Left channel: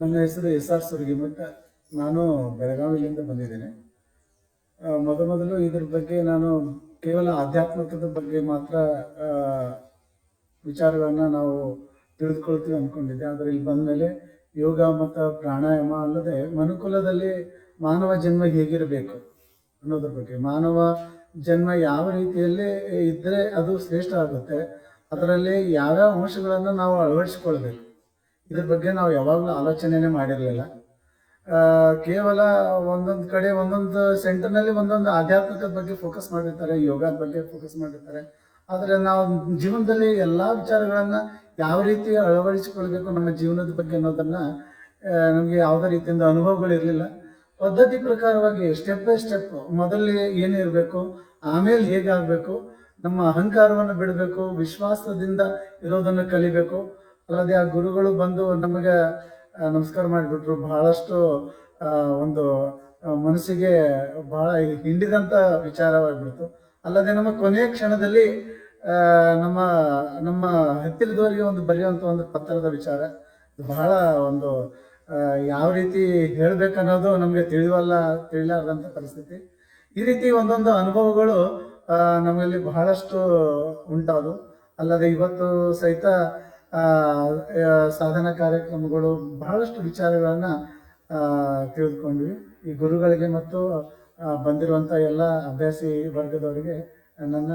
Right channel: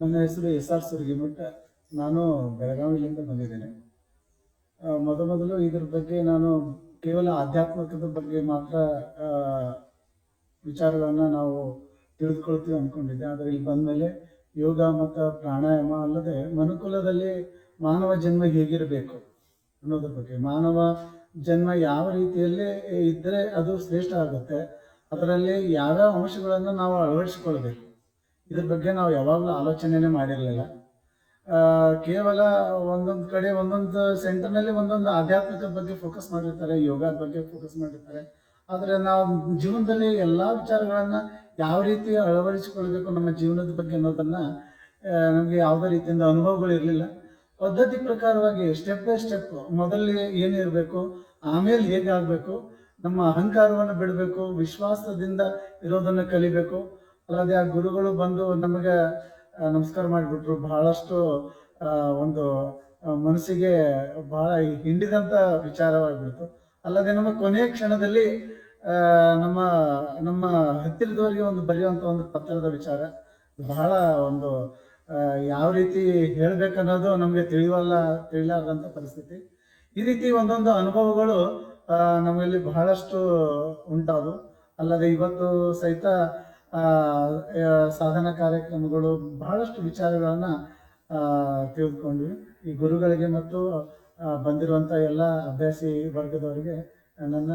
ನನ್ನ ಹೆಸರು ಎಸ್.ಆರ್. ಸುರ್ಗಿಮಠ. ನಾನು ಬೆಳಗಾವಿಯಿಂದ ಬಂದಿದ್ದೇನೆ. ಮೊದಲು ಇದ್ರ ಬಗ್ಗೆ ನಾನು ಕೇವಲ ಆಧ್ಯಾತ್ಮಿಕದ ಬಗ್ಗೆ ಮಾತ್ರ ವಿಚಾರಗಳನ್ನು ನಾವು ತಿಳಿದುಕೊಳ್ತೀವಿ ಅಂದ್ಕೊಂಡಿದ್ದೆ. ಆದರೆ ಇಲ್ಲಿ ಬಂದಮೇಲೆ ಯೋಗ ಮತ್ತು ಪ್ರಾಣಾಯಾಮ ಅಲ್ಲದೆ ಮನುಕುಲದಲ್ಲಿ ಮಾನವ ಜನ್ಮ ಹೇಗಿರಬೇಕು ಅನ್ನೋದ್ರ ಬಗ್ಗೆ, ಮಾನವ ಜನ್ಮ ಯಾವ ರೀತಿಯಲ್ಲಿ ಇದ್ದರೆ ಅದು ಶ್ರೇಷ್ಠ ಆಗುತ್ತೆ, ಅದರಲ್ಲಿ ಯಾವ್ಯಾವ ಅಂಶಗಳನ್ನು ನಾವು ಅಳವಡಿಸಿಕೊಳ್ಬೇಕು, ಇದ್ರ ಬಗ್ಗೆ ನಾವು ಯಾವಾಗಲೂ ಆಲೋಚನೆನೇ ಮಾಡಿರಲಿಲ್ಲ. ಕೇವಲ ಒಂದೊಂದು ಕಡೆ ಒಂದೊಂದು ಸೆಂಟರ್ನಲ್ಲಿ ಒಂದೊಂದು ಆಧ್ಯಾತ್ಮಿಕದ ಬಗ್ಗೆ ಫೋಕಸ್ ಮಾಡಿರ್ತಾರೆ, ಯೋಗದ ಬಗ್ಗೆ ಫೋಕಸ್ ಮಾಡಿರ್ತಾರೆ. ಆದರೆ ನಾವು ಜೀವನದಲ್ಲಿ ಎಲ್ಲ ವಿಚಾರಗಳನ್ನು ಯಾವ ರೀತಿ ಅಳವಡಿಸಿಕೊಳ್ಬೇಕು ನಮ್ಮ ಜೀವನದ ಬಗ್ಗೆ ಅನ್ನೋದನ್ನು ನಮಗೆ ಯಾವುದೇ ರೀತಿಯಿಂದ ಅನುಭವಗಳಿರಲಿಲ್ಲ. ಪದ್ಧತಿ ಪ್ರಕಾರವಾಗಿ ಸ್ಟೆಪ್ ಬೈ ಸ್ಟೆಪ್ ಮೊದಲಿಗೆ ಏನೇ ಇರಬೇಕು, ಆಮೇಲೆ ಹೇಗಾಗಬೇಕು, ನಮ್ಮ ಅಹಂಕಾರವನ್ನು ಬಿಡಬೇಕು, ವಿಶ್ವಾಸದಿಂದ ಇರೋದನ್ನು ಕಲಿಬೇಕು. ಅಲ್ಲದೆ ಆ ಗುರುಗಳು ಬಂದು ನಮಗೆ ನಮಸ್ಕಾರ ಮಾಡಿಬಿಟ್ರು. ಬಹಳಷ್ಟು ಒಂದು ಮನಸ್ಸಿಗೆ ಬಹಳ ಹಿಂಡಿದಂಥ ವಿಚಾರವಾಗಿಬಿಡ್ತು. ಅಲ್ಲದೆ ನಮ್ಮ ಕೊನೆಯ ಕ್ಷಣದಲ್ಲಿ ನಮ್ಮ ನಮ್ಮ ಹತ್ತಿರದವರಿಗೆ ಒಂದು ಬರೆಯುವಂಥ ಒಂದು ಪತ್ರದ ವಿಚಾರ ಬಹಳ ಒಂದು ಯಾವ ರೀತಿ ಹೇಳ್ಬೇಕನ್ನೋದು ನಮಗೆ ತಿಳಿಲಾರ್ದಂಥ ಪರಿಸ್ಥಿತಿ. ಈ ರೀತಿ ಒಂದೊಂದು ಅನುಭವಗಳು ನಮ್ಮಲ್ಲಿ ಬಹಳಷ್ಟು ಉಂಟಾದವು. ಅಲ್ಲದೆ ಇವತ್ತು ಸಹಿತ ಸಾಧನಾ ಕಾರ್ಯಕ್ರಮಗಳು ಬಹಳಷ್ಟು ವಿಚಾರಗಳನ್ನು ತಿಳಿದುಕೊಂಡ್ವಿ. ಈ ಗುರುಗಳಿಗೆ ಮತ್ತು ಬಂದಿರುವಂಥ ಎಲ್ಲ ಅಭ್ಯಾಸಿ ವರ್ಗದವರಿಗೆ ನನ್ನ